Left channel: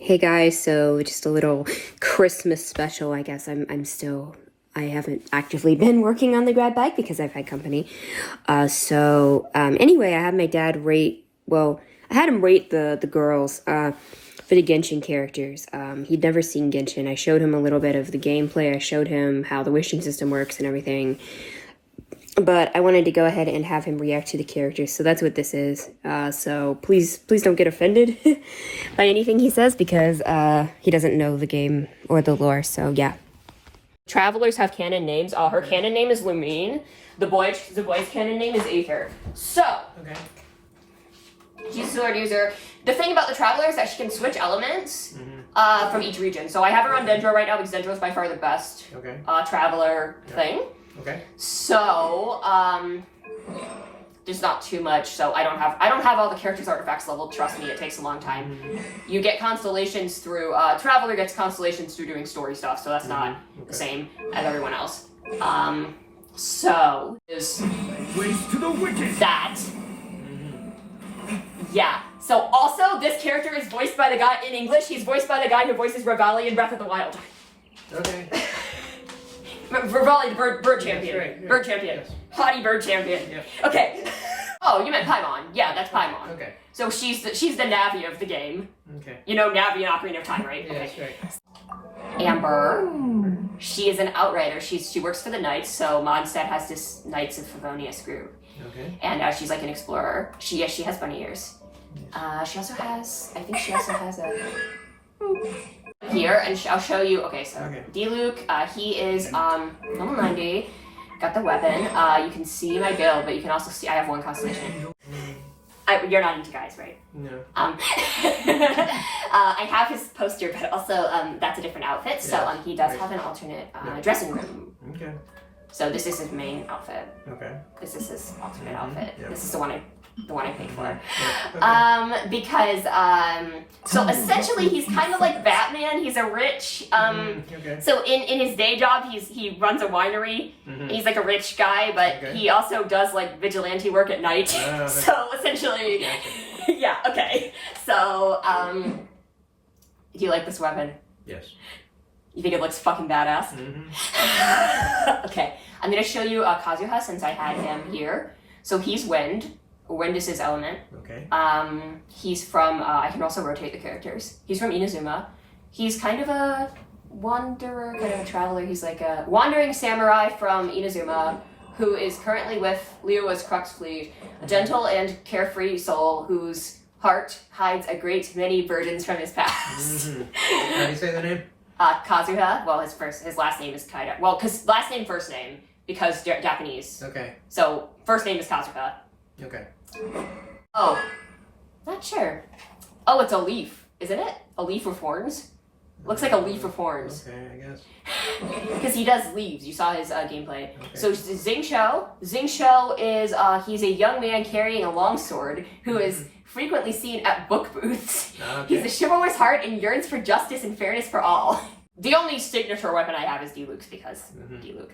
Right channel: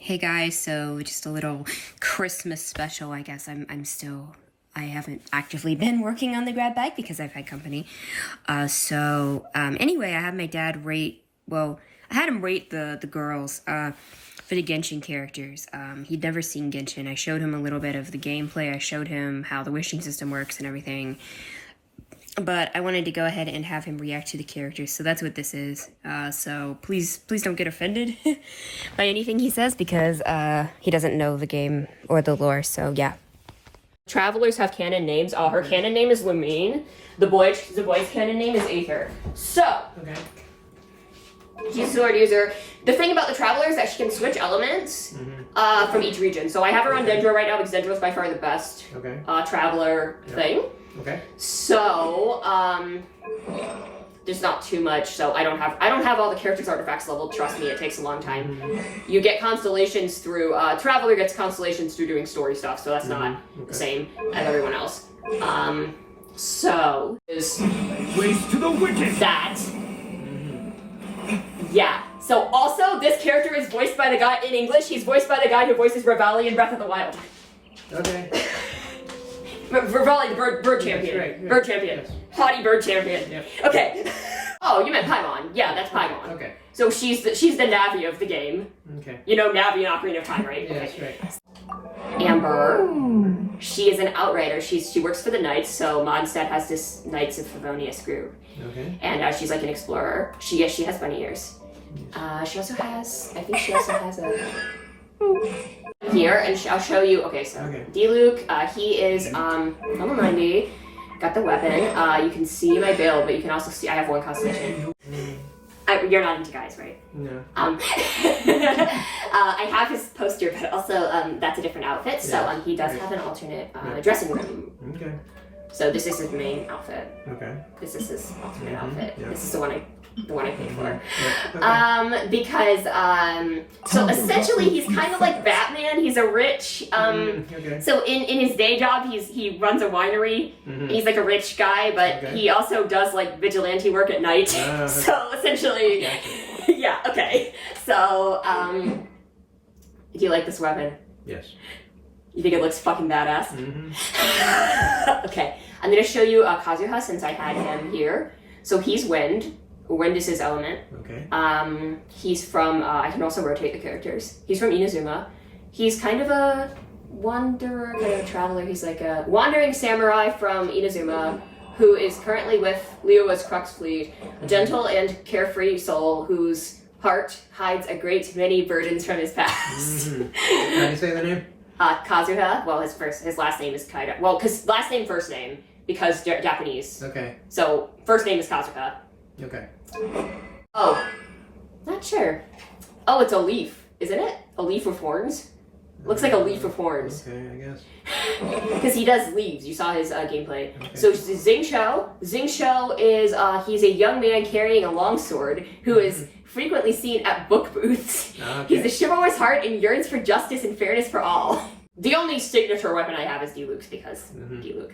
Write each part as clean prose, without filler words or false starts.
Hey guys, so just a little Christmas special, I guess. I haven't actively been working on the grad bike because I've had company. Anyway, I had my dad I had him rate the girls for the Genshin characters. He'd never seen Genshin. I showed him a little bit of the gameplay. I showed him how the wishing system works and everything. But I wanted to go ahead and have him react to the characters, so that's what this is. So please don't get offended by anything he says because he doesn't know the game or the lore. So yeah. Travelers have canon names. Her canon name is Lumine. The boy's canon name is Aether. So she's a sword user. The thing about the Traveler is that she can switch elements from each region. So I have her on Dendro right now because Dendro is by far the best Traveler thing. Okay. So, there's not too much. So I don't have all the characters artifacts leveled. Trust me, it takes a long time. You get constellations through. Traveler gets constellations through doing story stuff. So that's not the same as everyone else. So is Waste to the wicked. that. Yeah. So also, this character is voiced by the guy in English. He's voiced by the guy who voices Revali in Breath of the Wild. Okay. Revali, the bird champion. Right, yeah. Bird champion. Yes. Haughty bird champion. Yep. Okay. Oh, you meant Paimon. Yeah, that's Paimon. Okay. So she's the Navi of the game. Okay. You know Navi and Ocarina of Time, right? Yeah, that's right. Amber. She is an outrider. She works for the Knights, so Mondstadt has this Knights of Favonius group. Okay. And she's like an explorer. She has bunny ears. She also has a... Here, and I'll show you. Okay, so Diluc, he is level 90, got the weapon. You can see my build, but you can also see I have one constellation. You're not into guys, right? No. I have his poster, but also that's a different outfit. So he does have an alternate dressing room. Okay. So this is his main outfit. Okay. This is his alternate outfit. Yep. This is the one I paid for. Yeah. Okay. Because so essentially he's kind of like Batman. He's a rich so in his day job he runs a winery. He's like a rich guy, but he also does like vigilante work at night. So essentially yeah, okay. So do you like this weapon? Yes. You think it looks fucking badass? Okay. I'm gonna show you Kazuha since I had him here. So he's wind. Wind is his element. Okay. He's from, I can also rotate the characters. He's from Inazuma. He's kind of a wanderer, kind of a traveler. He's like a wandering samurai from Inazuma who is currently with Liyue's Crux fleet, a gentle and carefree soul whose heart hides a great many burdens from his past. How do you say the name? Kazuha. Well, his last name is Kaida. Well, because last name, first name, because Japanese. Okay. So first name is Kazuha. Okay. Oh, not sure. Oh, it's a leaf, isn't it? A leaf with horns? Looks like a leaf with horns. Okay, I guess. Because he does leaves. You saw his gameplay. Okay. So Xingqiu. Xingqiu is, he's a young man carrying a longsword who is frequently seen at book booths. Okay. He's a chivalrous heart and yearns for justice and fairness for all. The only signature weapon I have is Diluc's because Diluc.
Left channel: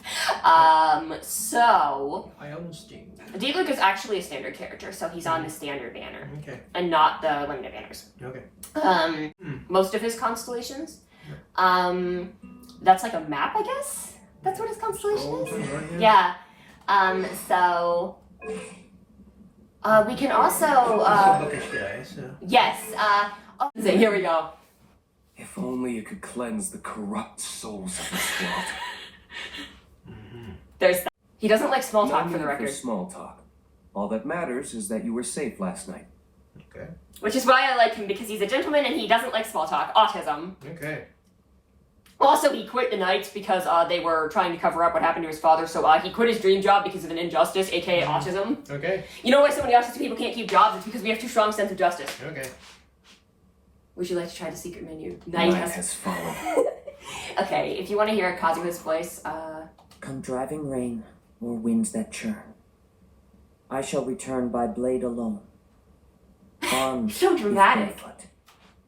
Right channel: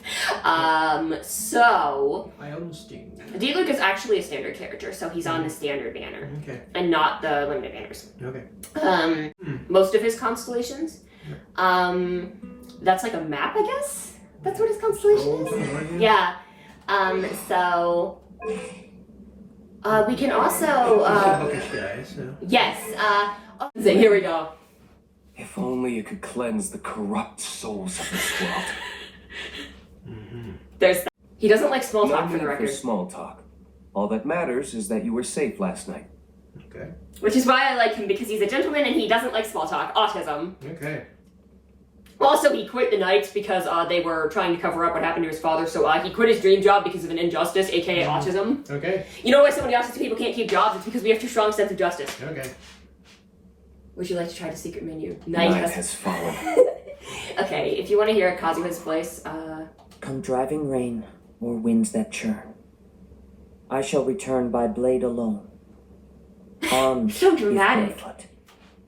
So Diluc is actually a standard character, so he's on the standard banner and not the limited banners. Okay. Most of his constellations. That's like a map, I guess. That's what his constellation is. Yeah. So we can also. Bookish guy, so. Yes. Here we go. If only you could cleanse the corrupt souls of this world. There's that. He doesn't like small talk, for the No need record. for small talk. All that matters is that you were safe last night. Okay. Which is why I like him, because he's a gentleman and he doesn't like small talk. Autism. Okay. Also, he quit the Knights because they were trying to cover up what happened to his father, so he quit his dream job because of an injustice, aka autism. Okay. You know why so many autistic people can't keep jobs? It's because we have too strong sense of justice. Okay. Would you like to try the secret menu? Night has fallen. Okay, if you want to hear Kazuha's voice, Come driving rain or winds that churn, I shall return by blade alone, armed So if dramatic. barefoot,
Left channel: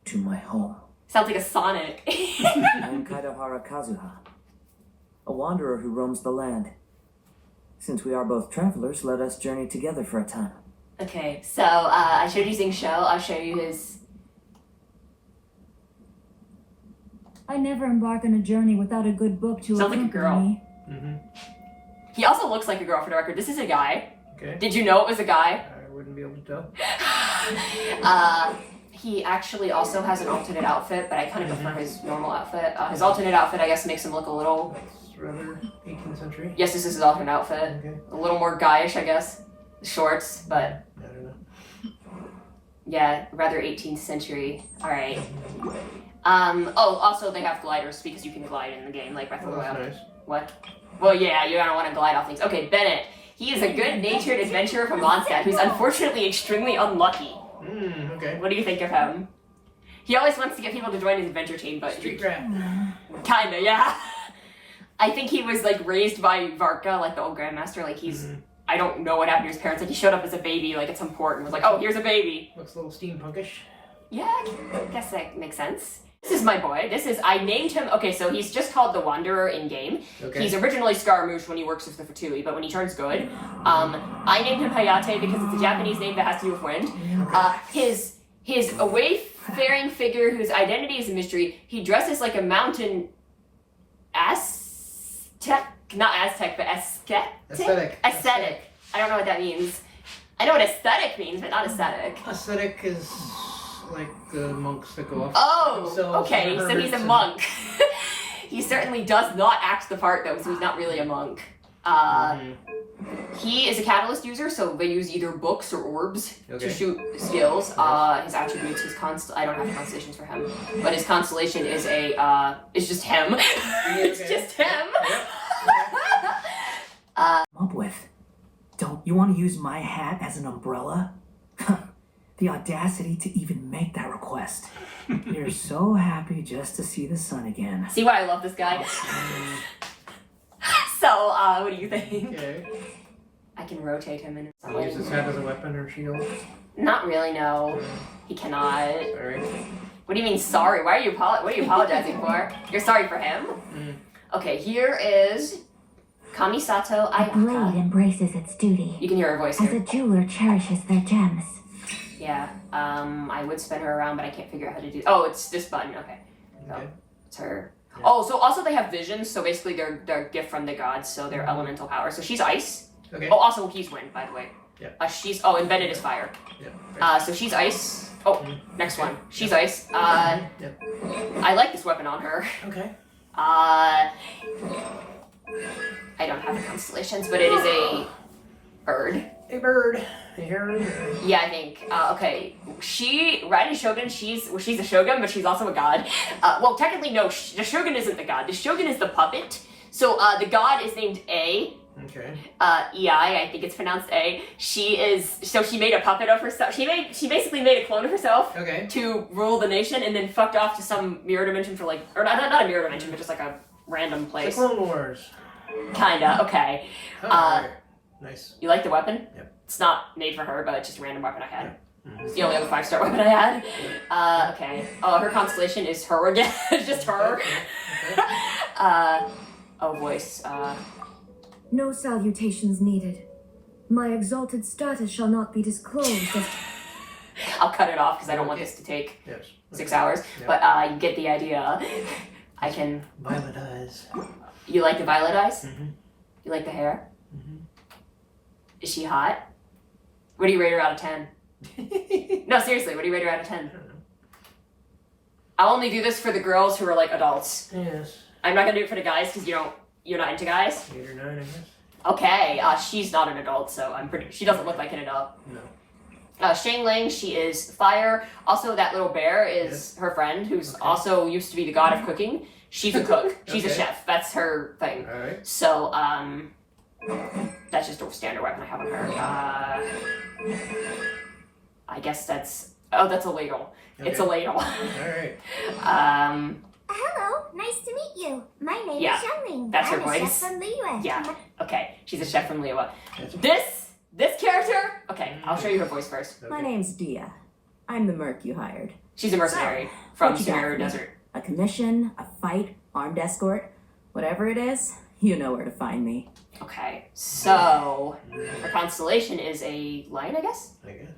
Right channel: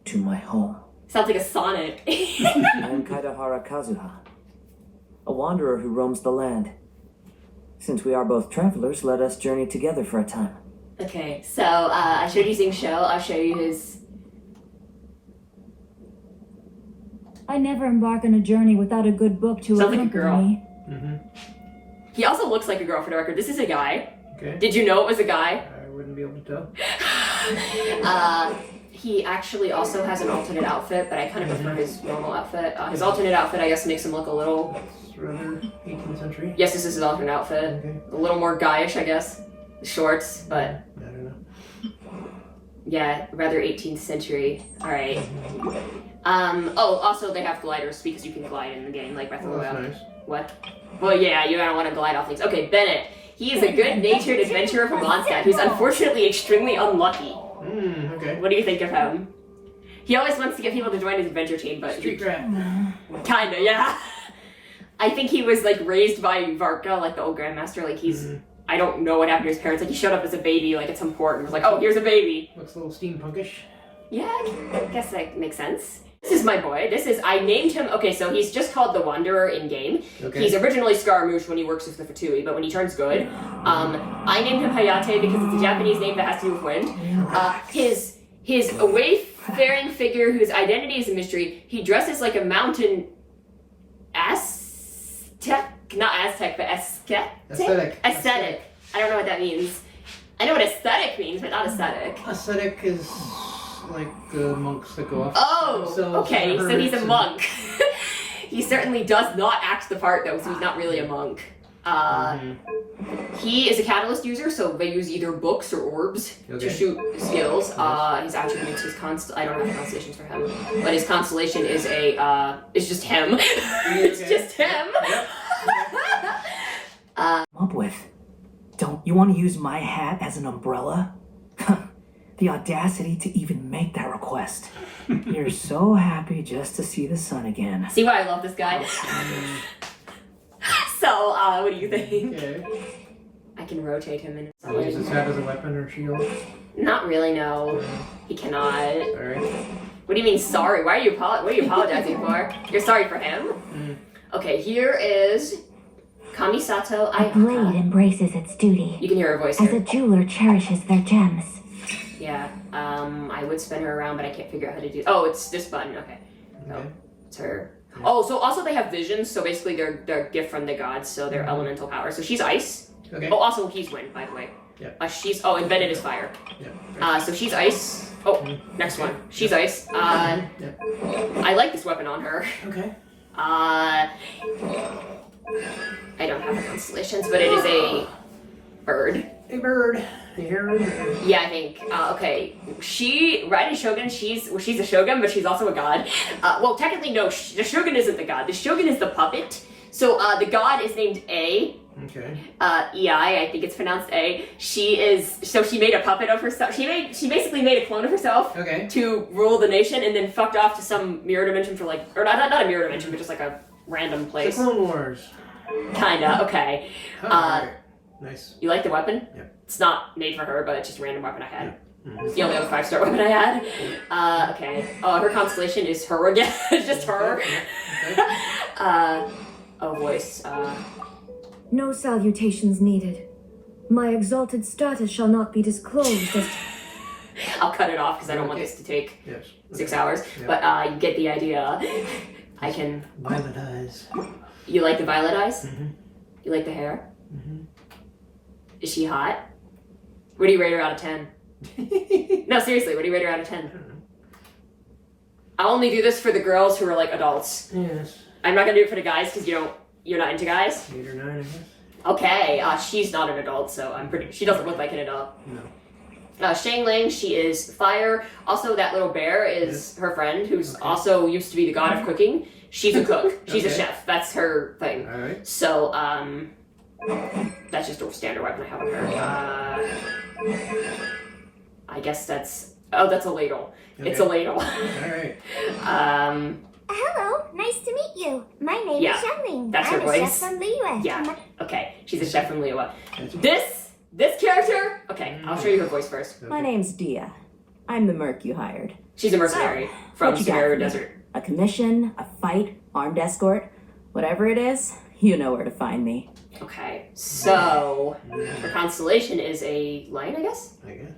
to my home. Sounds like a sonnet. I am Kaidahara Kazuha, a wanderer who roams the land. Since we are both travelers, let us journey together for a time. Okay, so I showed you Xingqiu. I'll show you his I never embark on a journey without a good book to Sounds like a accompany girl. me. Mm-hmm. He also looks like a girl for the record. This is a guy. Okay. Did you know it was a guy? I wouldn't be able to tell. He actually also has an alternate outfit, but I kind of prefer his normal outfit. His alternate outfit, I guess, makes him look a little... It's rather 18th century. Yes, this is his alternate outfit. Okay. A little more guyish, I guess. Shorts, but... I don't know. Yeah, rather 18th century. Alright. Also they have gliders because you can glide in the game, like Breath of the Oh, that's Wild. nice. What? Well, yeah, you don't want to glide off things. Okay, Bennett. He is a good-natured adventurer from Mondstadt who's unfortunately extremely unlucky. Okay. What do you think of him? He always wants to get people to join his adventure team, but... Street rat. Kinda, yeah. I think he was, like, raised by Varka, like the old Grandmaster. Like, he's... I don't know what happened to his parents. Like, he showed up as a baby, like, at some port and was like, oh, here's a baby. Looks a little steampunkish. Yeah, I guess that makes sense. This is my boy. I named him, okay, so he's just called the Wanderer in-game. Okay. He's originally Scaramouche when he works with the Fatui, but when he turns good, I named him Hayate because it's a Japanese name that has to do with wind. His wayfaring figure whose identity is a mystery, he dresses like a mountain Aztec? Not Aztec, but Aesthetic. Aesthetic. I don't know what that means. I know what aesthetic means, but not aesthetic. Aesthetic is like the monks that go off. Oh, themselves okay, and so he's a hermits monk. He certainly does not act the part, though, so he's not really a monk. He is a catalyst user, so they use either books or orbs to shoot skills. His attributes, I don't have constellations for him, but his constellation is it's just him. It's just him. Yep. Up with. Don't you want to use my hat as an umbrella? The audacity to even make that request. You're so happy just to see the sun again. See why I love this guy? So, what do you think? Okay. I can rotate him in. He uses his hat as a weapon or shield. Not really, no. He cannot. Alright. What do you mean sorry? What are you apologizing for? You're sorry for him? Okay, here is Kamisato A blade embraces its duty, You can hear her voice as here. a jeweler cherishes their gems. Yeah, I would spin her around, but I can't figure out how to do... Oh, it's this button, okay. Okay. It's her. Oh, so also they have visions, so basically they're a gift from the gods, so they're elemental power. So she's ice. Okay. Oh, also he's wind, by the way. Yeah. And Bennett is fire. Yeah. So she's ice. Oh, next one. She's ice. Yep. I like this weapon on her. Okay. I don't have her constellations, but it is a bird. A bird. A heron. Yeah, I think. Okay, Raiden Shogun. She's a shogun, but she's also a god. Well, technically, no. The shogun isn't the god. The shogun is the puppet. So the god is named A. Okay. Ei, I think it's pronounced A. She made a puppet of herself. She basically made a clone of herself. Okay. To rule the nation, and then fucked off to some mirror dimension for or not a mirror dimension, but just like a random place. The Clone Wars. Kinda. Okay. Alright. Nice. You like the weapon? Yep. It's not made for her, but it's just a random weapon I had. Mhm. It's the only other 5-star weapon I had. Okay. Oh, her constellation is her again. It's just her. Okay. Voice. No salutations needed. My exalted status shall not be disclosed as... I'll cut it off because I don't want this to take Yes. 6 hours. Yep. But you get the idea. I can... Violet eyes. You like the violet eyes? Mm-hmm. You like the hair? Mm-hmm. Is she hot? What do you rate her out of 10? No, seriously, what do you rate her out of 10? I'll only do this for the girls who are like adults. Yes. I'm not gonna do it for the guys because you're not into guys. 8 or 9, I guess. Okay, she's not an adult, so she doesn't look like an adult. No. Shang Ling, she is fire. Also, that little bear is her friend, who's also used to be the god of cooking. She's a cook. She's a chef. That's her thing. All right. So, that's just a standard weapon I have on her. I guess that's a ladle. Okay. It's a ladle. All right. Hello, nice to meet you. My name is Xiangling. That's her I'm a chef voice. from Liyue. Yeah. Okay, she's a chef from Liyue. Yes. This character. Okay, I'll show you her voice first. My name's Dia. I'm the merc you hired. She's a mercenary from what you got Sahara for me? Desert. A commission, a fight, armed escort, whatever it is, you know where to find me. Okay, so her constellation is a lion, I guess. I guess.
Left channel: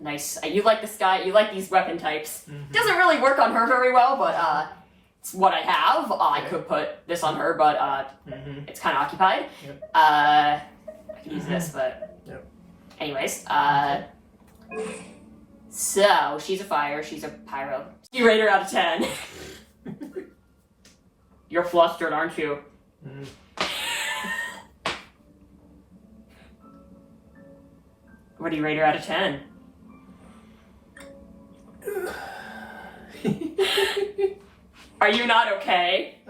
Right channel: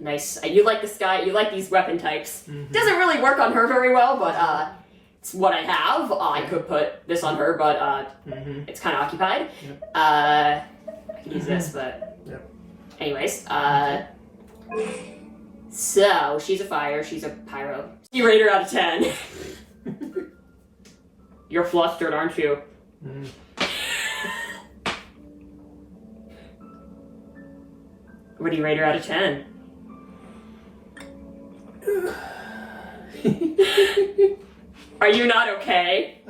Nice. You like this guy. You like these weapon types. Mhm. Doesn't really work on her very well, but it's what I have. I could put this on her, but it's kind of occupied. Yep. I could use this, but Yep. anyways. So she's a fire. She's a pyro. You rate her out of 10. You're flustered, aren't you? Mm. What do you rate her out of 10? Are you not okay?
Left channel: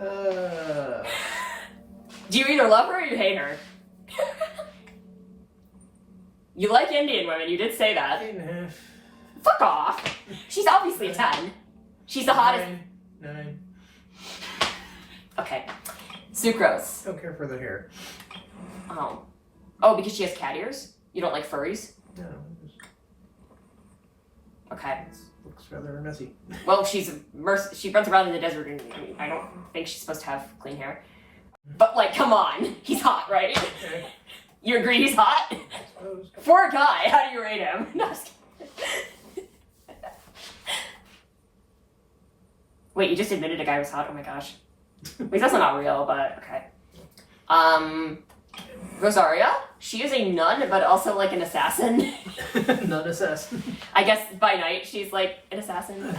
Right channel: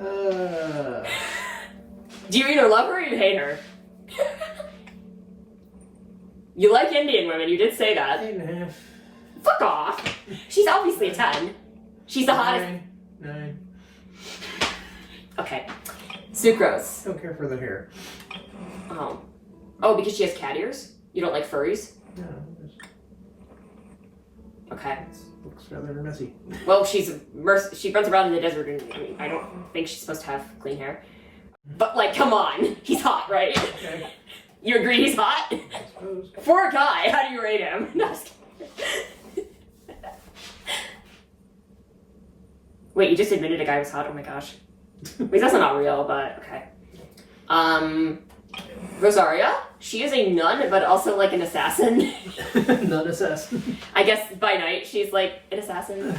Do you either love her or you hate her? You like Indian women, you did say that. 8.5. Fuck off. She's obviously a 10. She's the hottest. 9. Okay. Sucrose. Don't care for the hair. Oh. Oh, because she has cat ears? You don't like furries? No, it Okay. looks rather messy. Well, she runs around in the desert and I don't think she's supposed to have clean hair. But, like, come on. He's hot, right? Okay. You agree he's hot? I suppose. For a guy, how do you rate him? No, just kidding. Wait, you just admitted a guy was hot? Oh my gosh. Wait, that's not real, but okay. Rosaria, she is a nun, but also like an assassin. Not assassin. I guess by night she's like an assassin.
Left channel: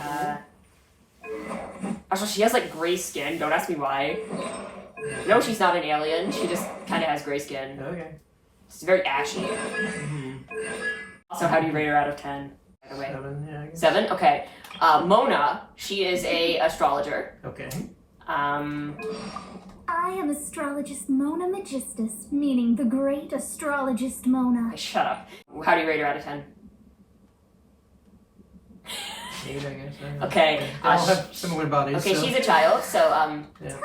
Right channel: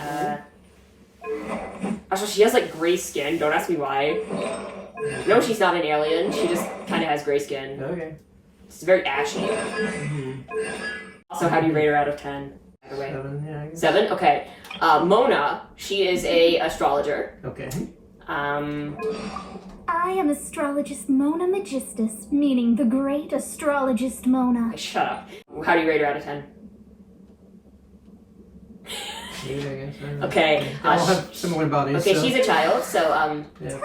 Also, she has like gray skin. Don't ask me why. No, she's not an alien. She just kind of has gray skin. Okay. It's very ashy. Also, how do you rate her out of 10? By the way. 7, yeah, I guess. 7? Okay. Mona, she is a astrologer. Okay. I am astrologist Mona Magistus, meaning the great astrologist Mona. Shut up. How do you rate her out of 10? 8, I guess. I don't know. Okay. They all have similar bodies. Okay, so. she's a child, so Yeah.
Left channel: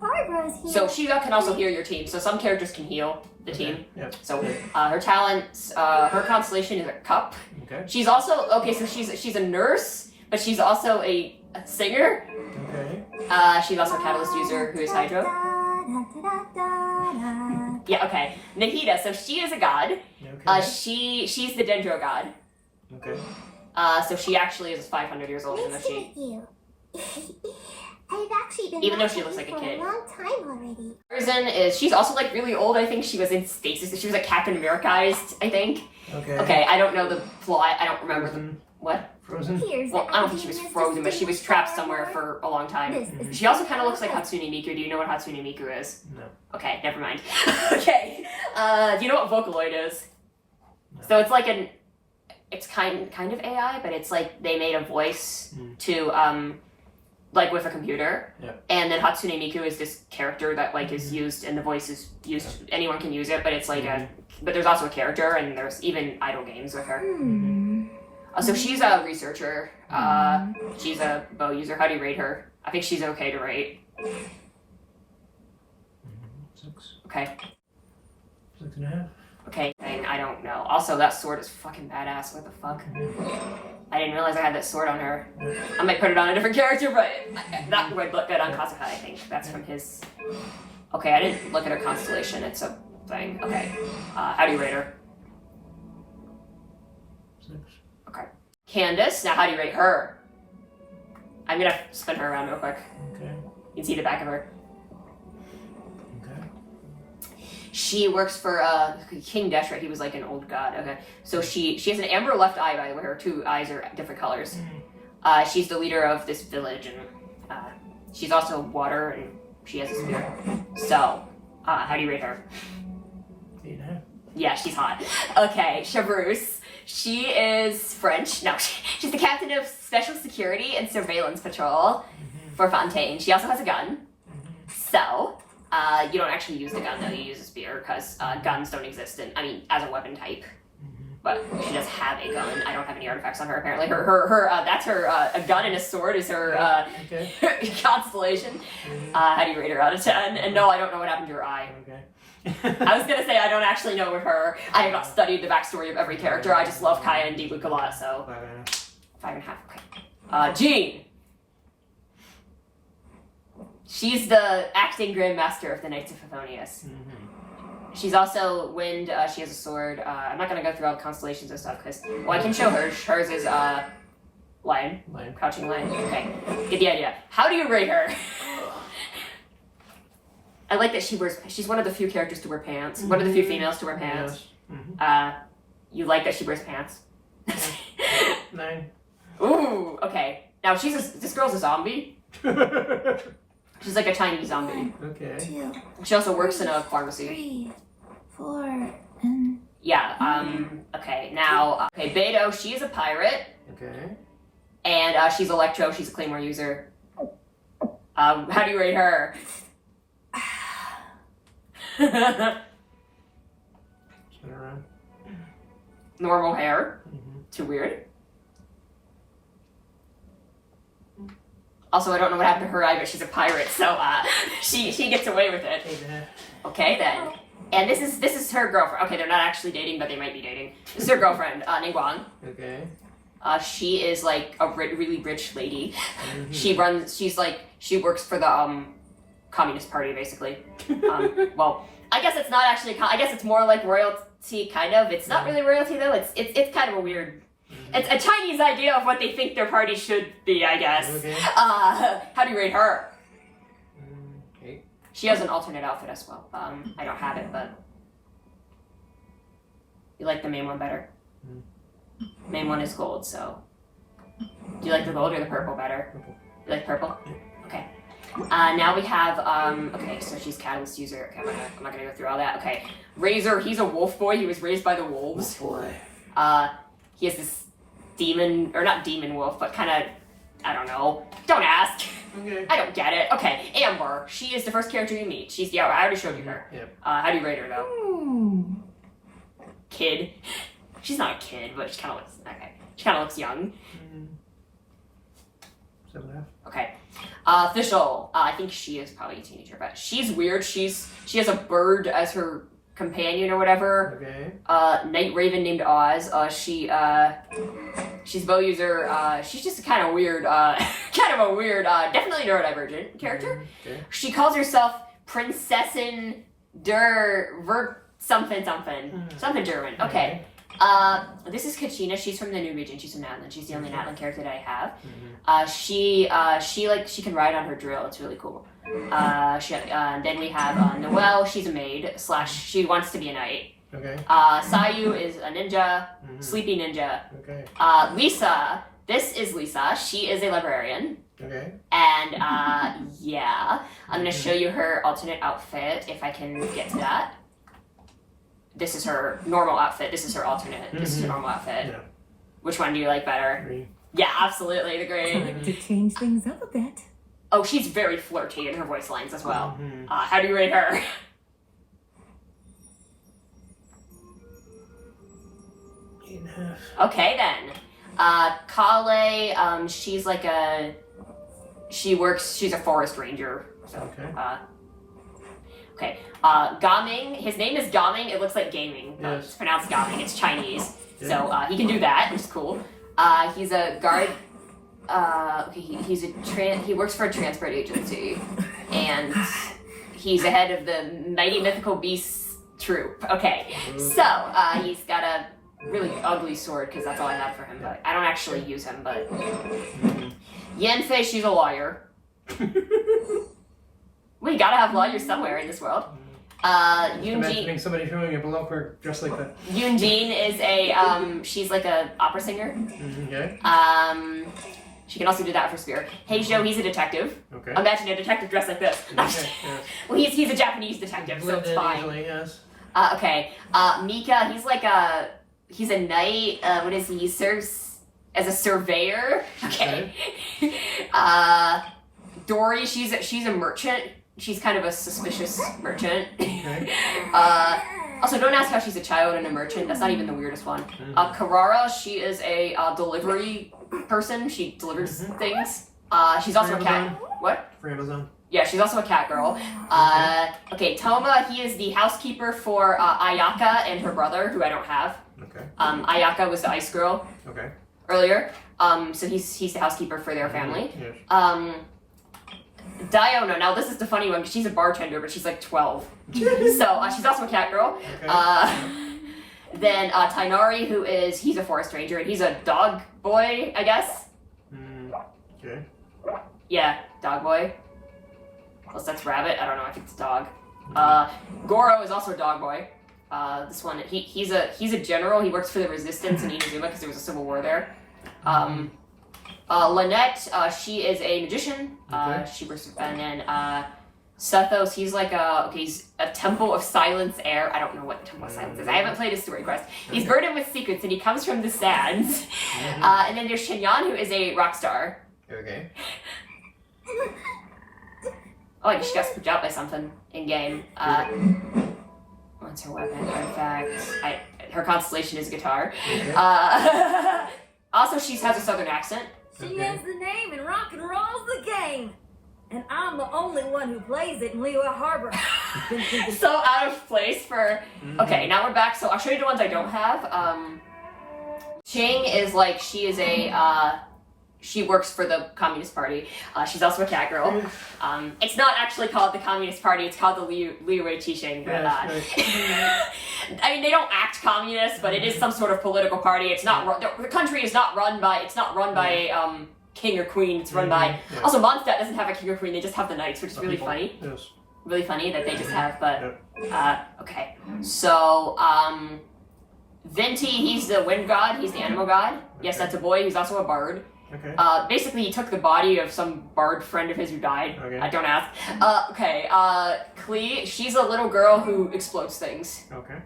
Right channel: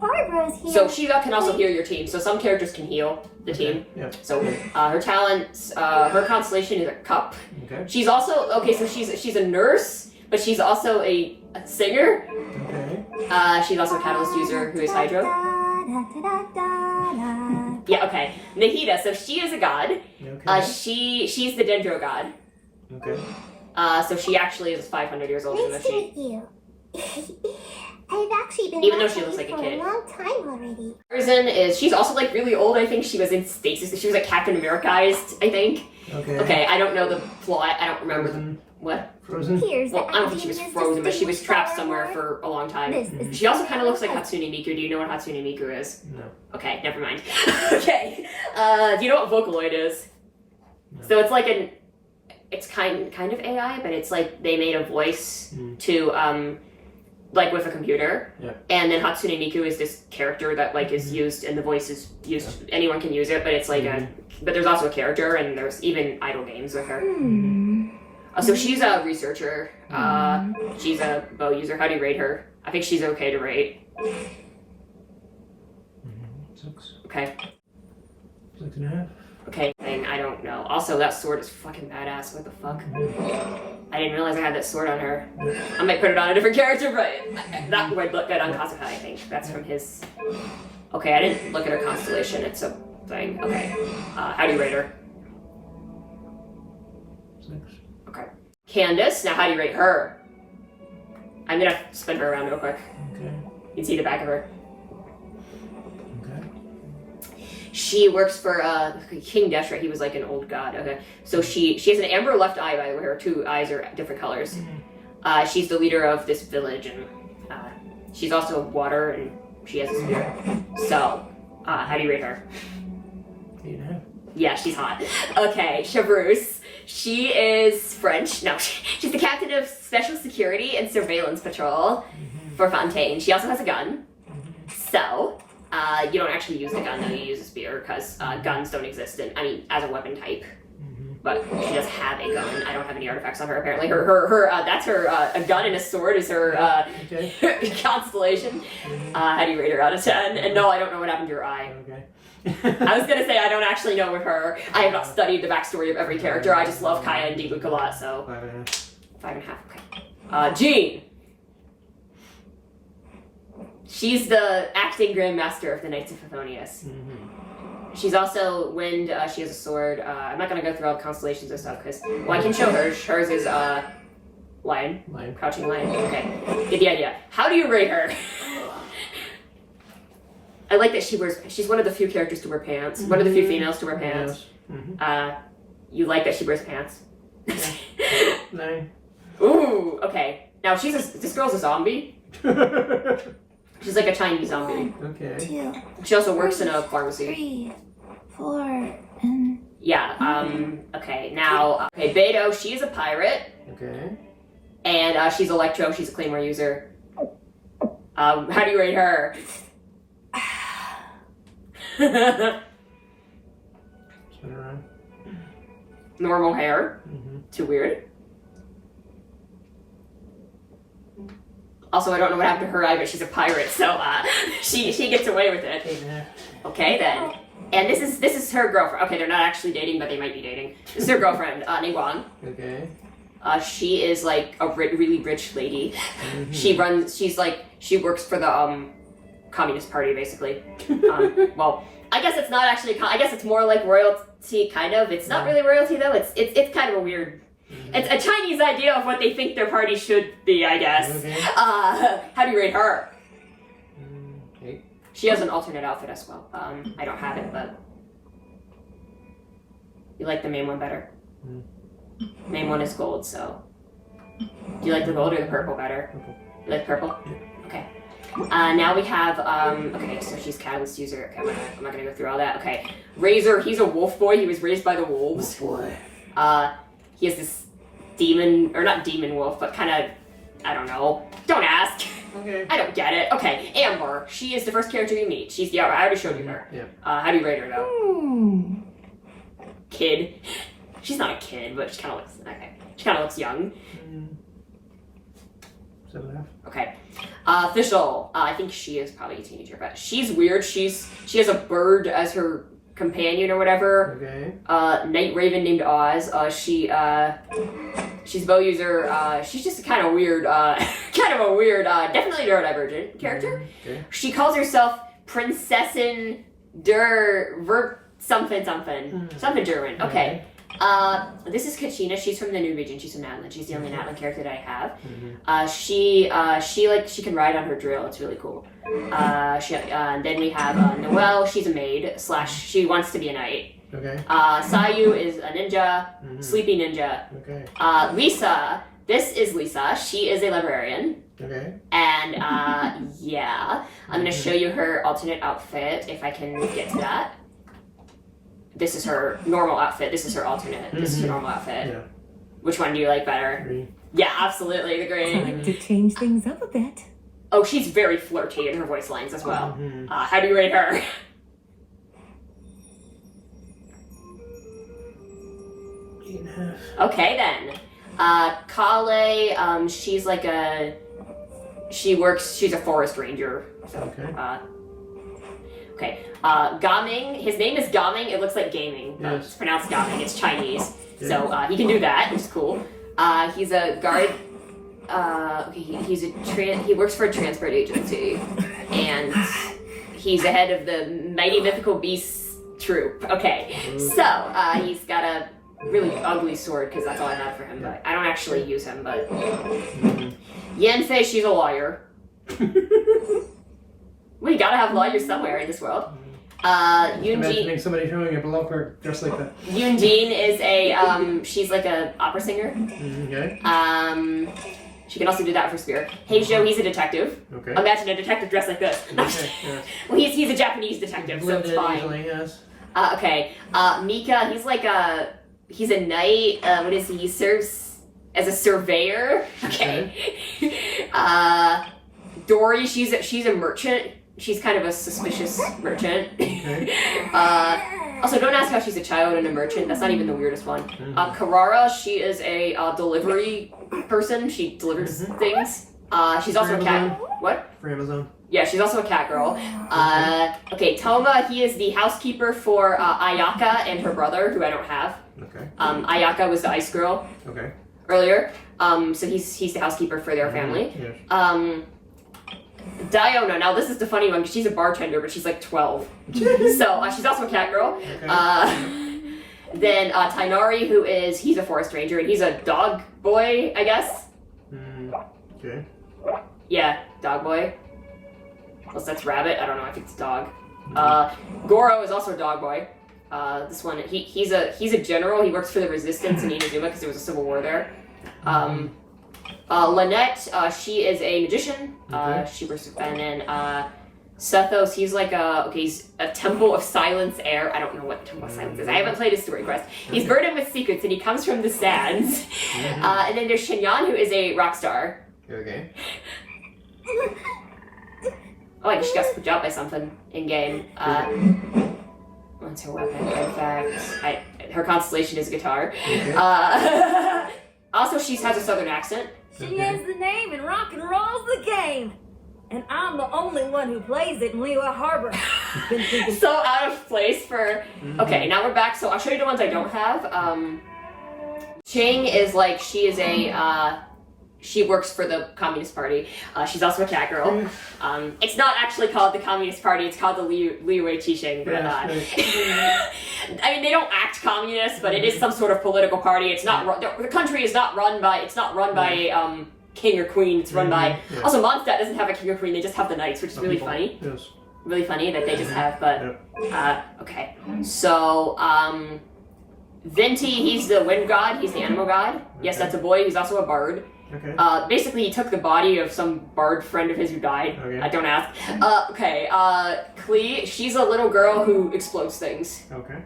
Barbara's here. so she can also heal your team. So some characters can heal the team. Yep. So her talents, her constellation is a cup. Okay. She's also so she's a nurse, but she's also a singer. Okay. She's also a catalyst user who is Hydro. Yeah. Okay. Nahida. So she is a god. Okay. She's the Dendro god. Okay. So she actually is 500 years old. Nice to meet you. I've actually been Even though she watching looks like a for kid. a long time already. Tarzan she's also like really old. I think she was in stasis. She was like Captain Americaized, I think. Okay. Okay, I don't know the plot. I don't remember Frozen. what. Frozen. Here's Well, the I don't think she was frozen, but she was trapped somewhere for. for a long time. This is She also kind of looks like Hatsune Miku. Do you know what Hatsune Miku is? No. Okay, never mind. Okay, do you know what Vocaloid is? No. So it's like it's kind of AI, but it's like they made a voice to like with a computer. Yeah. And then Hatsune Miku is this character that like is used, and the voice is used. Yeah. Anyone can use it, but it's like but there's also a character, and there's even idle games with her. So she's a researcher. She's a bow user. How do you rate her? I think she's okay to rate. 6. Okay. 6.5. Okay. I don't know. Also, that sword is fucking badass. What the fuck? I didn't realize I had that sword on her. I might put it on a different character, but that would look good on Kazuha, I think. That's from his... Okay, I didn't look at her constellation. It's a thing. Okay. How do you rate her? 6. Okay. Candace, now how do you rate her? I'm gonna spin her around real quick. Okay. You can see the back of her. Okay. She works for King Deshra. He was like an old god. Okay. So she has an amber left eye, by the way. Her 2 eyes are different colors. She's the leader of this village, and she's also water, and she has a spear. So, how do you rate her? 8.5. Yeah, she's hot. Okay, Chavrouse. She is French. No, she's the captain of Special Security and Surveillance Patrol for Fontaine. She also has a gun. So, you don't actually use the gun, though. You use a spear, because guns don't exist as a weapon type. But she does have a gun. I don't have any artifacts on her, apparently. That's her, a gun and a sword is her constellation. How do you rate her out of 10? And no, I don't know what happened to her eye. Okay. I was gonna say I don't actually know with her. I have not studied the backstory of every character. I just love Kaya and Diluc a lot, so 5.5. 5.5. Okay. Jean. She's the acting Grand Master of the Knights of Favonius. She's also wind. She has a sword. I'm not gonna go through all the constellations and stuff because I can show hers. Hers is lion. Crouching lion. Okay, get the idea. How do you rate her? I like that she's one of the few characters to wear pants. One of the few females to wear pants. Yes. You like that she wears pants? 9. Ooh, okay. Now this girl's a zombie. She's like a Chinese zombie. Okay. 2, She also works in a pharmacy. 3, 4, and Yeah, okay, now, Beto, she is a pirate, Okay. and she's Electro, she's a Claymore user. How do you rate her? Spin around. Normal hair. Too weird. Also, I don't know what happened to her eye, but she's a pirate, so she gets away with it. 8.5. Okay, then. And this is her girlfriend. Okay, they're not actually dating, but they might be dating. This is her girlfriend, Niguan. Okay. She is like a really rich lady. She works for the Communist Party, basically. Well, I guess it's not actually. I guess it's more like royalty, kind of. It's not really royalty though. It's kind of a weird. It's a Chinese idea of what they think their party should be, I guess. Okay. How do you rate her? 8. She has an alternate outfit as well. I don't have it, but you like the main one better. Main one is gold, so do you like the gold or the purple better? Purple. You like purple? Okay. Now we have okay, so she's catalyst user. Okay, I'm not gonna go through all that. Okay, Razor, he's a wolf boy. He was raised by the wolves. Boy. He has this demon, or not demon wolf, but kind of, I don't know. Don't ask. Okay. I don't get it. Okay, Amber. She is the first character you meet. She's the I already showed you her. Yep. How do you rate her though? Kid. She's not a kid, but she kind of looks okay. She kind of looks young. 7.5. Okay. Official. I think she is probably a teenager, but she's weird. She has a bird as her companion or whatever. Okay. Night Raven named Oz. She's a bow user. She's just kind of weird. Definitely neurodivergent character. Okay. She calls herself Prinzessin der Vert something German. Okay. This is Kachina. She's from the new region. She's from Natlan. She's the only Natlan character that I have. She can ride on her drill. It's really cool. Then we have Noelle. She's a maid / she wants to be a knight. Okay. Sayu is a ninja, sleepy ninja. Okay. Lisa. This is Lisa. She is a librarian. Okay. And yeah, I'm gonna show you her alternate outfit if I can get to that. This is her normal outfit. This is her alternate. This is her normal outfit. Yeah. Which one do you like better? Green. Yeah, absolutely, the green. Time to change things up a bit. Oh, she's very flirty in her voice lines as well. How do you rate her? 8.5. Okay then. Kale, she's like she's a forest ranger. So, Okay. okay. Gaming, his name is Gaming. It looks like gaming. Yes. It's pronounced Gaming. It's Chinese. Yeah. So he can do that. It's cool. He's a guard. He works for a transport agency, and he's the head of the Mighty Mythical Beasts troop. Okay, so he's got a really ugly sword because that's all I have for him. But I don't actually use him. But Yanfei, she's a lawyer. We gotta have lawyers somewhere in this world. Imagining somebody doing a below work dressed like that. Yunjin is she's like a opera singer. Okay. She can also do that for Spear. Heijo, he's a detective. Okay. Imagine a detective dressed like this. Okay. Yes. Well, he's a Japanese detective, so Blend it's in fine. easily, yes. Okay. Mika, he's a knight. What is he? He serves as a surveyor. Okay. Dory, she's a merchant. She's kind of a suspicious merchant. Okay. Also, don't ask how she's a child and a merchant. That's not even the weirdest one. Karara, she is a delivery person. She delivers things. She's also a cat. What? For Amazon. Yeah, she's also a cat girl. Okay, Toma, he is the housekeeper for Ayaka and her brother, who I don't have. Okay. Ayaka was the ice girl Okay. earlier. So he's the housekeeper for their family. Yes. Diona, now this is the funny one because she's a bartender, but she's like 12. So she's also a cat girl. Okay. Then Tainari, he's a forest ranger, and he's a dog boy, I guess. Okay. Yeah, dog boy. Unless that's rabbit, I don't know, I think it's dog. Goro is also a dog boy. This one, he's a general, he works for the resistance in Inazuma because there was a civil war there. Lynette, she is a magician. She works with, and then Sethos, he's like he's a Temple of Silence heir. I don't know what Temple of Silence is. I haven't played his story quest. He's burdened with secrets and he comes from the sands. And then there's Shenyan, who is a rock star. Okay. Oh, I just got spooked out by something in game. What's her weapon? In fact, her constellation is guitar. Also, she has a southern accent. She has the name and rock and roll's the game. And I'm the only one who plays it in Liyue Harbor. Been thinking So out of place for... Okay, now we're back. So I'll show you the ones I don't have. Ching is like, she is a... She works for the Communist Party. She's also a cat girl. It's not actually called the Communist Party, it's called the Liyue Qixing. But, I mean, they don't act communist, but it is some sort of political party. It's not the country is not run by king or queen. It's run by also Mondstadt doesn't have a king or queen. They just have the knights, which is really funny. Yes. Really funny that they just have. But okay, so Venti, he's the wind god. He's the animal god. Yes, that's a boy. He's also a bard. Okay. Basically, he took the body of some bard friend of his who died. Okay. Don't ask. Okay. Klee, she's a little girl who explodes things. Okay.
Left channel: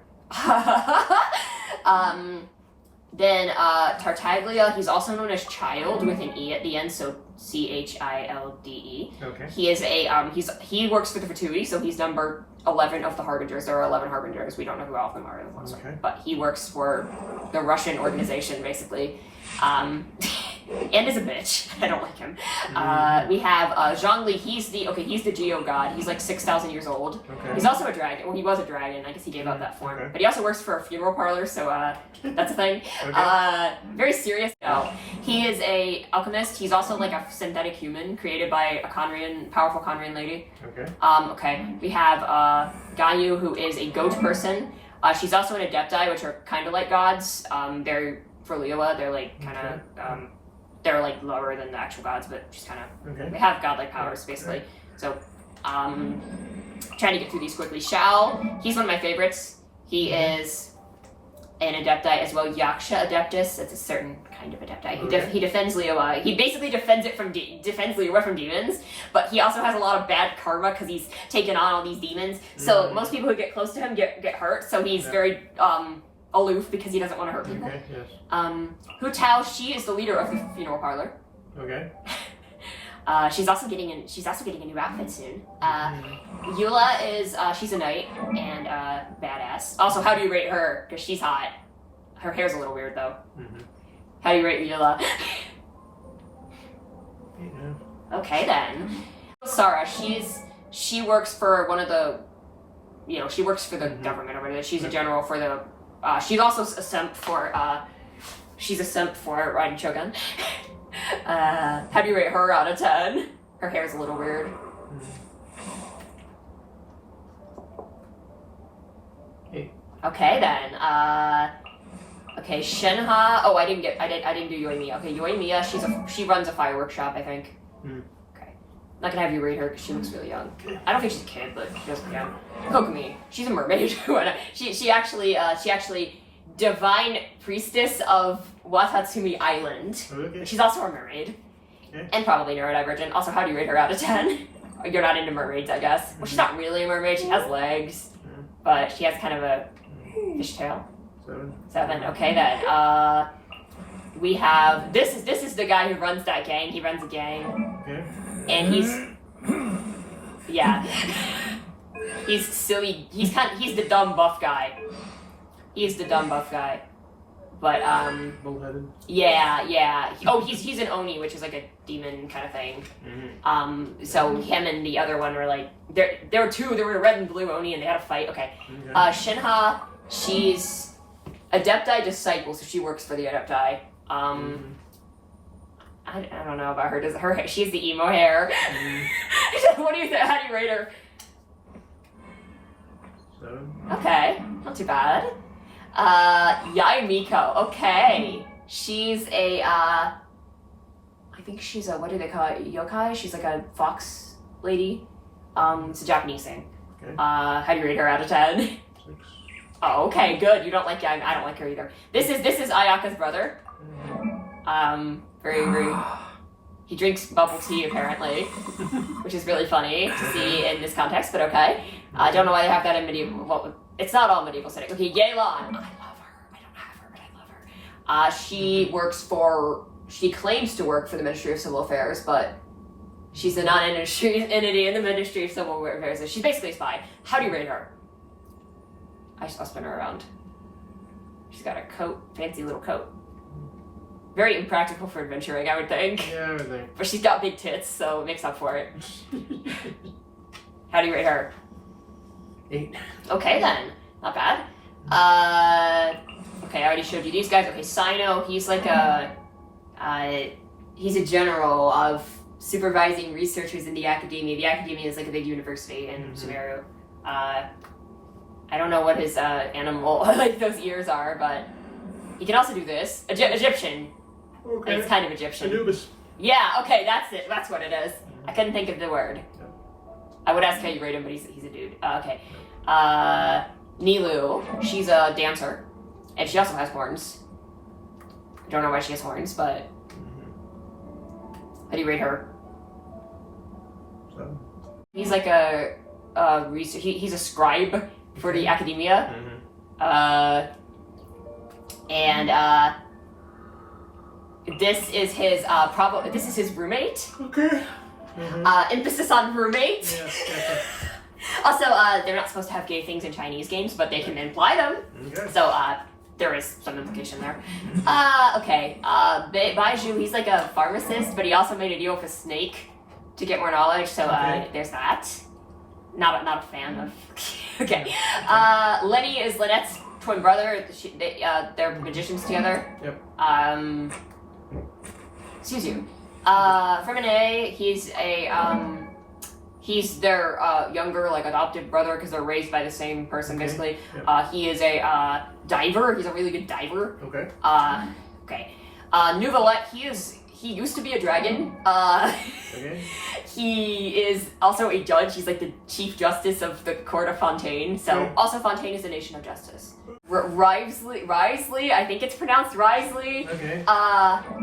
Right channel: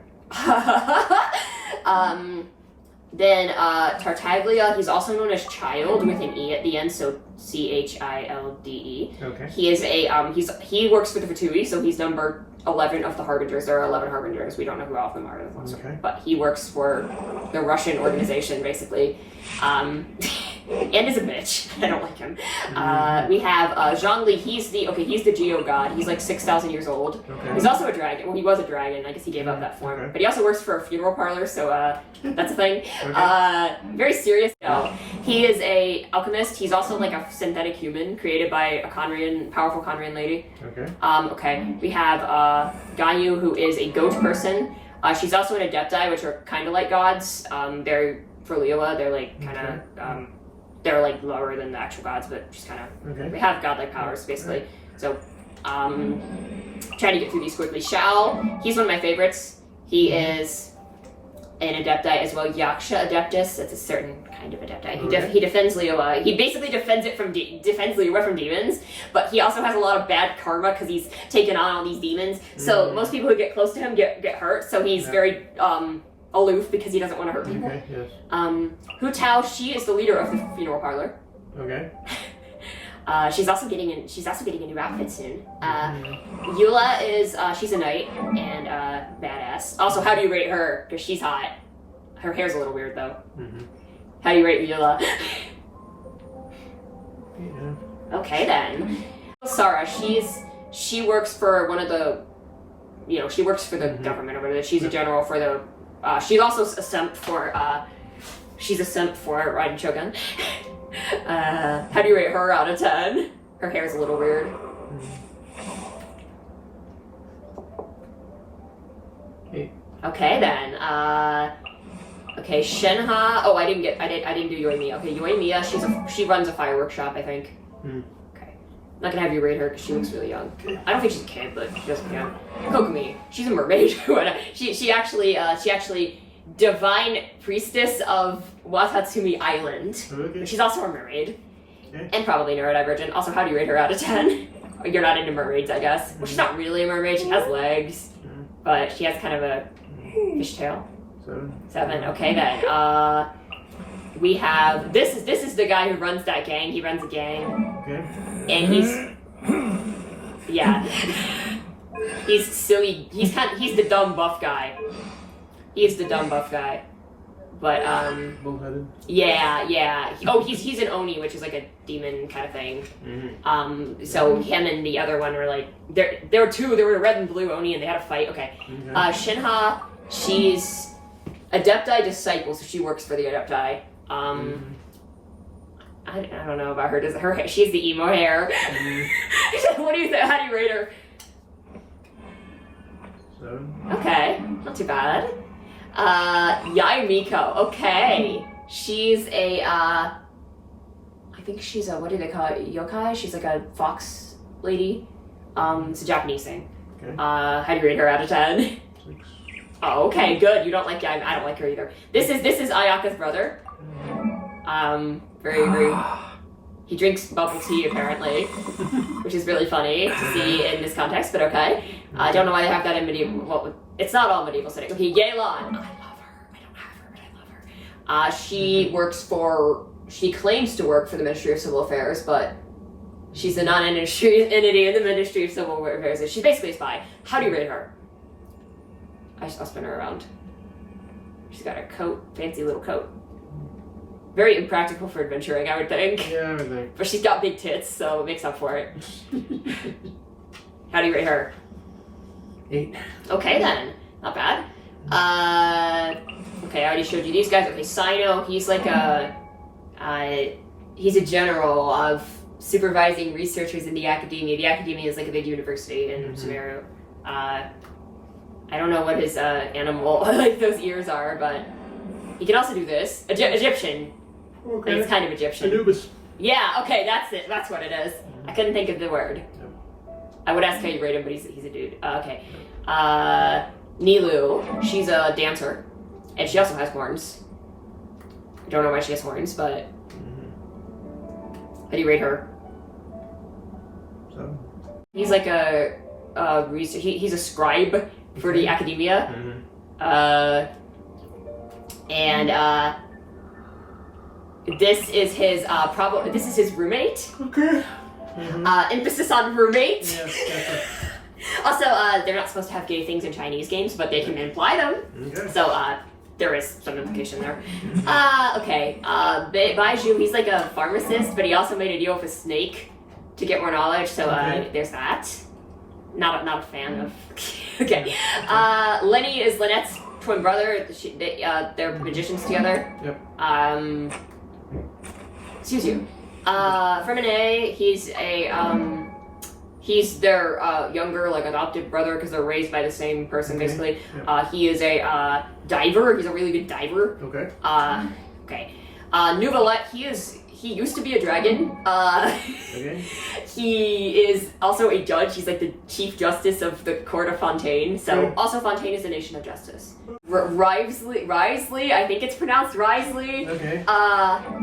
Then Tartaglia, he's also known as Child with an E at the end, so Childe. Okay. He is a he works for the Fatui, so he's number 11 of the harbingers. There are 11 harbingers. We don't know who all of them are, but he works for the Russian organization basically. And is a bitch. I don't like him. We have Zhongli. He's the Geo god. He's like 6,000 years old. Okay. He's also a dragon. Well, he was a dragon. I guess he gave up that form. Okay. But he also works for a funeral parlor, so that's a thing. Okay. Very serious. He is a alchemist. He's also like a synthetic human created by a powerful Conrian lady. Okay. Okay. We have Ganyu, who is a goat person. She's also an adepti, which are kind of like gods. They're for Liyue. They're like kind of they're like lower than the actual gods, but just kind of they have godlike powers basically. So trying to get through these quickly. Shao, he's one of my favorites. He is an adepti as well, Yaksha adeptus. That's a certain kind of adepti. He defends Liyue. He basically defends Liyue from demons, but he also has a lot of bad karma because he's taken on all these demons. So most people who get close to him get hurt. So he's very aloof because he doesn't want to hurt people. Okay. Yes. Hu Tao, she is the leader of the funeral parlor. Okay. She's also getting a new outfit soon. Eula is she's a knight and badass. Also, how do you rate her? Because she's hot. Her hair's a little weird though. How do you rate Eula? Okay then. Sarah, she works for one of the, she works for the government over there. She's a general for the. She's also a simp for. She's a simp for Raiden Shogun. How do you rate her out of 10? Her hair's a little weird. Okay then. Okay, Shenha. Oh, I didn't do Yoimiya. Okay, Yoimiya. She runs a fireworks shop, I think. Okay. Not gonna have you rate her because she looks really young. I don't think she's a kid, but she does look young. Kokomi. She's a mermaid. she actually divine priestess of Watatsumi Island. Okay. She's also a mermaid. And probably neurodivergent. Also, how do you rate her out of 10? You're not into mermaids, I guess. Well, she's not really a mermaid. She has legs, but she has kind of a fishtail. 7. Okay then. We have this is the guy who runs that gang. He runs a gang. Okay. And he's silly. He's the dumb buff guy. He's the dumb buff guy. But bullheaded. Yeah. Oh, he's an Oni, which is like a demon kind of thing. So him and the other one were like there were two. There were a red and blue Oni, and they had a fight. Okay. Shinha, she's Adepti disciple, so she works for the Adepti. I don't know about her. She has the emo hair. What do you think? How do you rate her? 7. Okay, not too bad. Yaimiko. Okay, she's a. I think she's a. What do they call it? Yokai. She's like a fox lady. It's a Japanese thing. Okay. How do you rate her out of 10? 6. Oh, okay, good. You don't like Yaimiko. I don't like her either. This is Ayaka's brother. Very. He drinks bubble tea apparently, which is really funny to see in this context. But okay, I don't know why they have that in medieval. Well, it's not all medieval setting. Okay, Yelan. I love her. I don't have her, but I love her. She works for. She claims to work for the Ministry of Civil Affairs, but she's a non-industry entity in the Ministry of Civil Affairs. She's basically a spy. How do you rate her? I'll spin her around. She's got a coat, fancy little coat. Very impractical for adventuring, I would think. Yeah, I would think. But she's got big tits, so it makes up for it. How do you rate her? 8. Okay then, not bad. Okay, I already showed you these guys. Okay, Sino, he's like he's a general of supervising researchers in the academia. The academia is like a big university in Sumeru. I don't know what his animal, like those ears are, but he can also do this. Egyptian. Okay. It's kind of Egyptian. Anubis. Yeah, okay, that's it. That's what it is. I couldn't think of the word. Yep. I would ask how you rate him, but he's a dude. Okay. Nilu, she's a dancer, and she also has horns. I don't know why she has horns, but how do you rate her? 7. He's like a research. He's a scribe for the academia. And this is his This is his roommate. Okay. Emphasis on roommate. Yes, gotcha. Also, they're not supposed to have gay things in Chinese games, but they can imply them. Okay. So, there is some implication there. Okay. Baiju, he's like a pharmacist, but he also made a deal with a snake to get more knowledge. So, there's that. Not a fan of. Okay. Lenny is Lynette's twin brother. They're magicians together. Yep. Excuse you. Fremine, he's their younger, like, adopted brother because they're raised by the same person, basically. Yep. He is a diver. He's a really good diver. Okay. Okay. Nouvelette, he used to be a dragon. Okay. He is also a judge. He's like the chief justice of the court of Fontaine. So, Okay. also Fontaine is a nation of justice. Risley, I think it's pronounced Risley. Okay.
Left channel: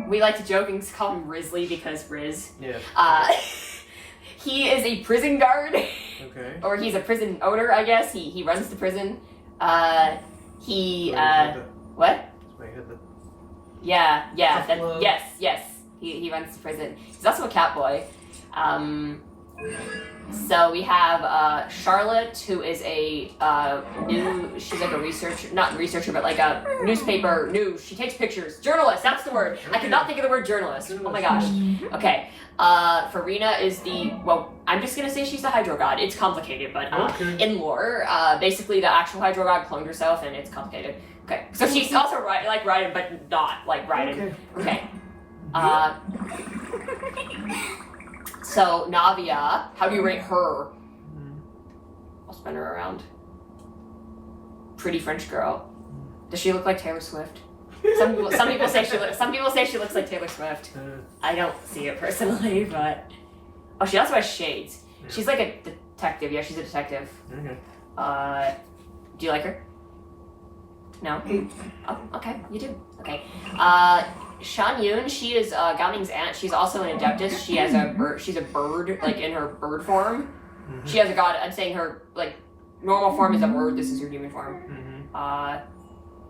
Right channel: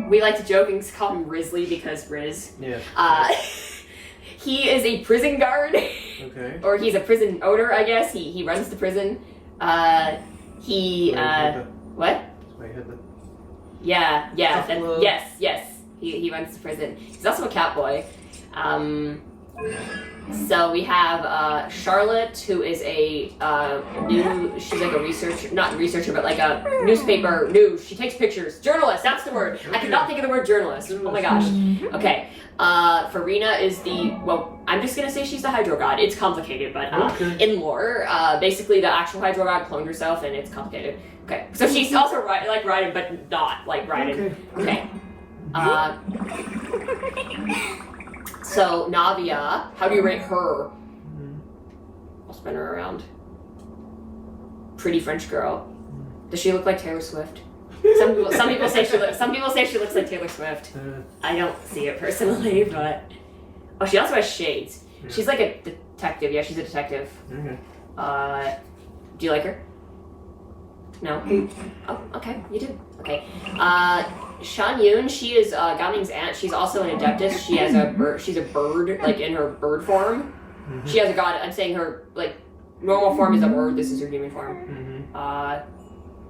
We like to joke and call him Risley because Riz. Yes. He is a prison guard. Okay. Or he's a prison owner, I guess. He runs the prison. What? That's why I had the... Yeah. Buffalo. Yes. He runs the prison. He's also a cat boy. So we have Charlotte, who is a she's like a researcher, not researcher, but like a newspaper news. She takes pictures. Journalist, that's the word. I could not think of the word journalist. Oh my gosh. Okay. Farina is I'm just gonna say she's the Hydro God. It's complicated, but in lore, basically the actual Hydro God cloned herself, and it's complicated. Okay, so she's also like Raiden, but not like Raiden. Okay. So Navia, how do you rate her? I'll spin her around. Pretty French girl. Does she look like Taylor Swift? Some people say she looks like Taylor Swift. I don't see it personally, but she also has shades. She's like a detective. Yeah, she's a detective. Okay. Do you like her? No? Oh, okay, you do. Okay. Shan Yun, she is Gaming's aunt. She's also an adeptus. She has a bird. She's a bird, like in her bird form. She has a god. I'm saying her like normal form is a bird. This is her human form.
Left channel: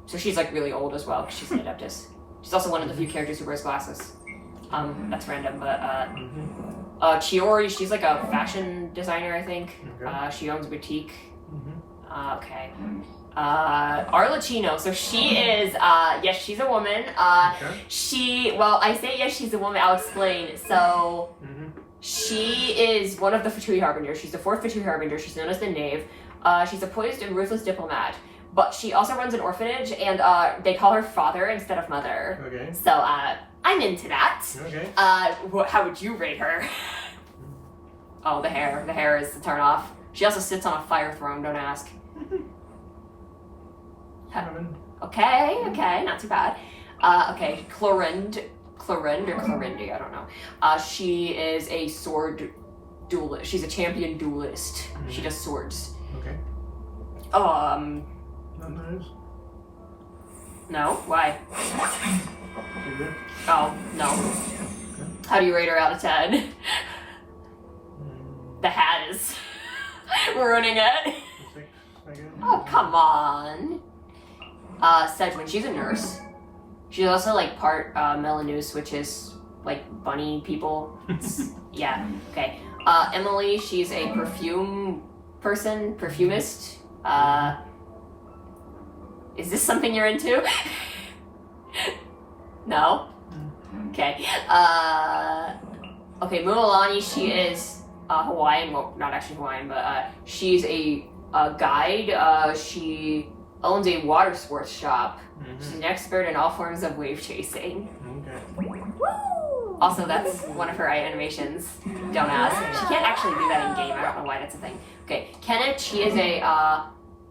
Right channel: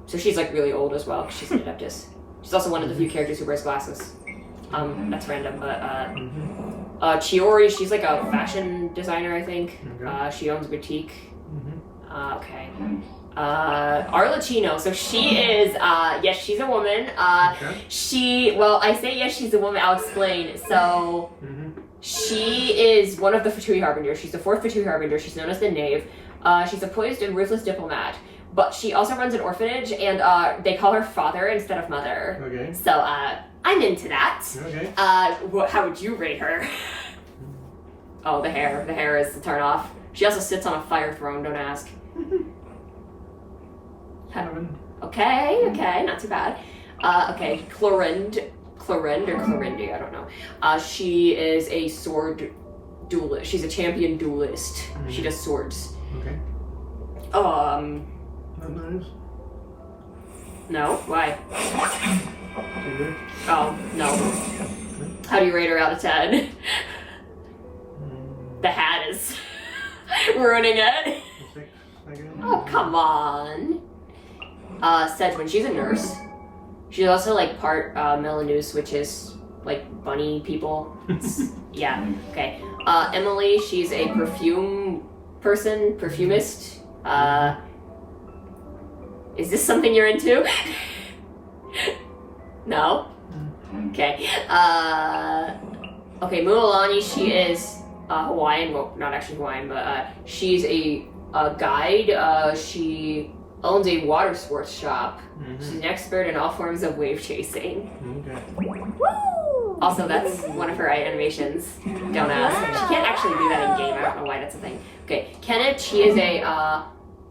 So she's like really old as well. 'Cause she's an adeptus. She's also one of the few characters who wears glasses. That's random, but Chiori, she's like a fashion designer, I think. Okay. She owns a boutique. Okay. Arlecchino, so she is, yes, she's a woman. Okay. I say yes, she's a woman, I'll explain. So, she is one of the Fatui Harbingers. She's the 4th Fatui Harbinger. She's known as the Knave. She's a poised and ruthless diplomat. But she also runs an orphanage, and they call her father instead of mother. Okay. So, I'm into that. Okay. How would you rate her? Oh, the hair. The hair is the turn off. She also sits on a fire throne, don't ask. 7. Okay, not too bad. Okay, Clorind or Clorindi, I don't know. She is a sword duelist. She's a champion duelist. She does swords. Okay. Not nice. No? Why? Too good. Oh, no. Okay. How do you rate her out of 10? The hat is ruining it. 6, I guess. Oh, come on. Sedgwin, she's a nurse. She's also like part Melanus, which is like bunny people. Yeah, okay. Emily, she's a perfumist. Is this something you're into? No? Okay. Okay, Mualani, she is Hawaiian, well, not actually Hawaiian, but she's a guide. She owns a water sports shop. She's an expert in all forms of wave chasing. Okay. Also, that's one of her animations. Don't ask. She can't actually do that in game. I don't know why that's a thing. Okay, Kenneth, she is a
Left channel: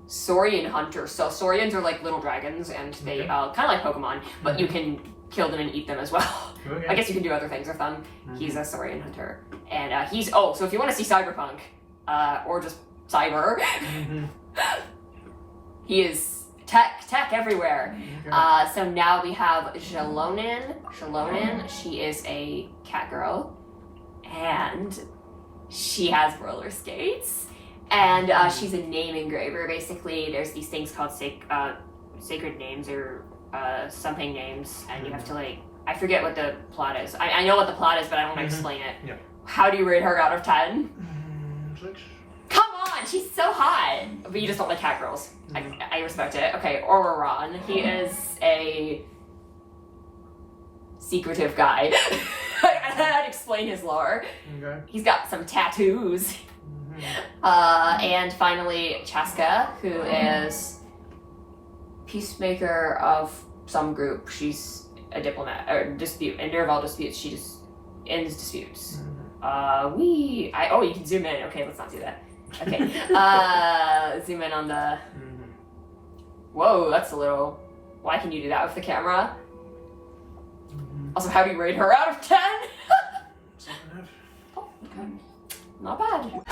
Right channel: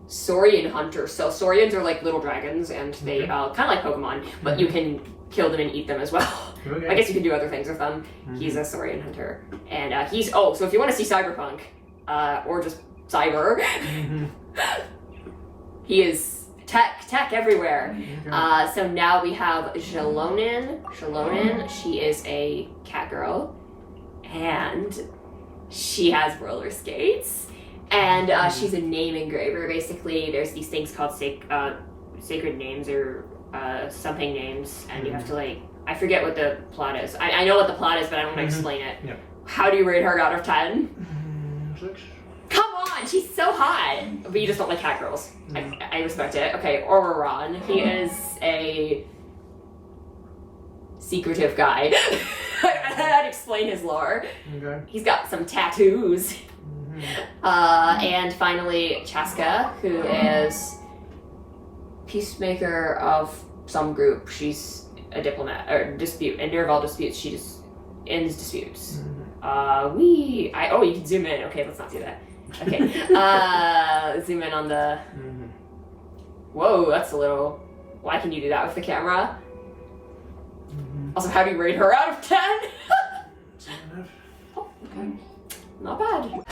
Saurian hunter. So Saurians are like little dragons, and they kind of like Pokemon, but you can kill them and eat them as well. Okay. I guess you can do other things with them. He's a Saurian hunter, and so if you want to see Cyberpunk, or just Cyber, he is tech everywhere. Okay. So now we have Jalonin. She is a cat girl, and she has roller skates, and she's a name engraver. Basically, there's these things called sacred names or something names, and you have to like, I forget what the plot is. I know what the plot is, but I don't want to explain it. Yeah. How do you rate her out of 10? 6. Come on, she's so hot. But you just don't like cat girls. I respect it. Okay, Ororon. He is a secretive guy. I'd explain his lore. Okay. He's got some tattoos. And finally, Chaska, who is peacemaker of some group. She's a diplomat, or dispute, and near all disputes, she just ends disputes. Oh, you can zoom in. Okay, let's not do that. Okay, zoom in on the... Whoa, that's a little... Why can you do that with the camera? Also, how do you rate her out of 10? 7.5. Oh, okay. Not bad.